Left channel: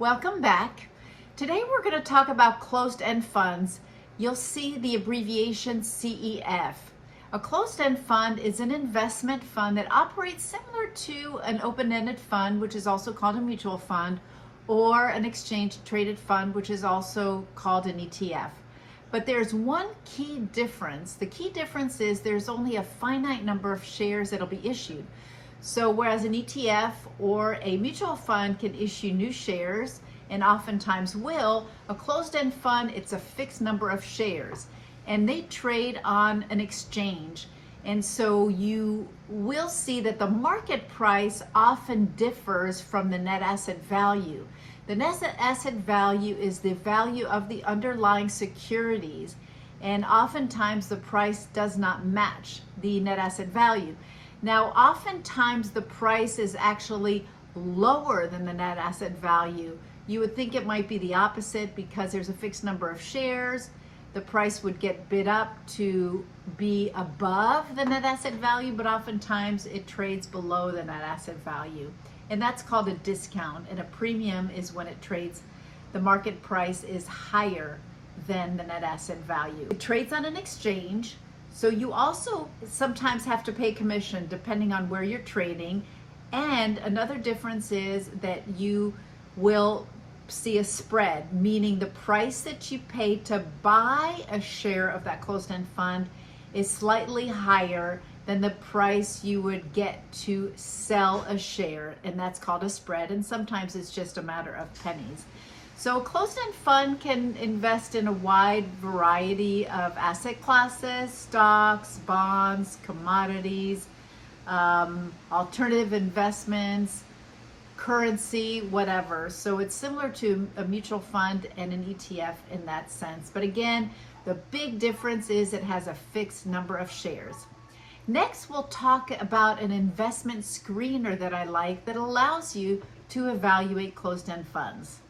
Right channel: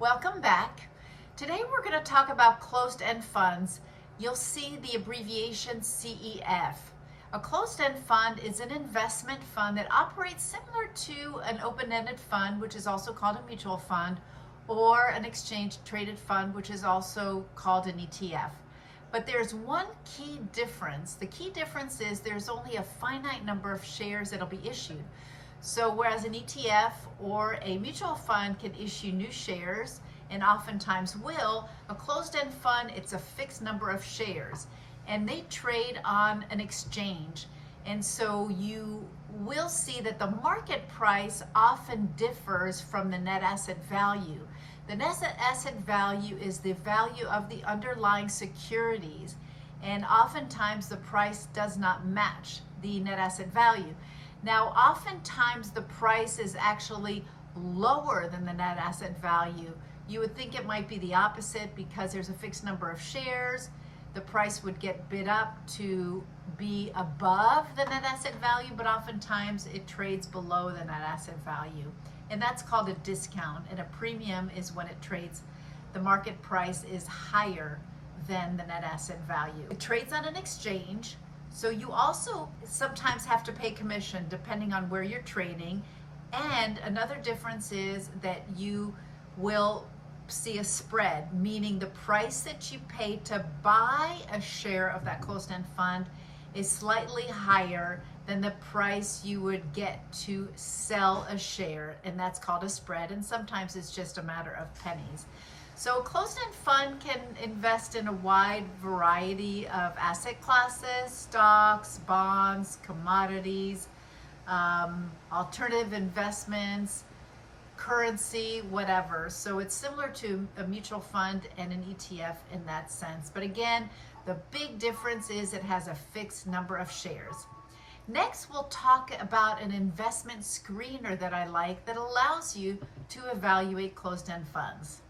Welcome back. Today we're going to talk about closed-end funds. You'll see the abbreviation CEF. A closed-end fund is an investment fund that operates similar to an open-ended fund, which is also called a mutual fund, or an exchange-traded fund, which is also called an ETF. But there's one key difference. The key difference is there's only a finite number of shares that'll be issued. So whereas an ETF or a mutual fund can issue new shares, and oftentimes will, a closed-end fund, it's a fixed number of shares. And they trade on an exchange. And so you will see that the market price often differs from the net asset value. The net asset value is the value of the underlying securities. And oftentimes the price does not match the net asset value. Now, oftentimes the price is actually lower than the net asset value. You would think it might be the opposite because there's a fixed number of shares. The price would get bid up to be above the net asset value, but oftentimes it trades below the net asset value. And that's called a discount. And a premium is when it trades, the market price is higher than the net asset value. It trades on an exchange. So you also sometimes have to pay commission depending on where you're trading. And another difference is that you will see a spread, meaning the price that you pay to buy a share of that closed-end fund is slightly higher than the price you would get to sell a share, and that's called a spread, and sometimes it's just a matter of pennies. So a closed-end fund can invest in a wide variety of asset classes, stocks, bonds, commodities, alternative investments, currency, whatever. So it's similar to a mutual fund and an ETF in that sense. But again, the big difference is it has a fixed number of shares. Next, we'll talk about an investment screener that I like that allows you to evaluate closed-end funds.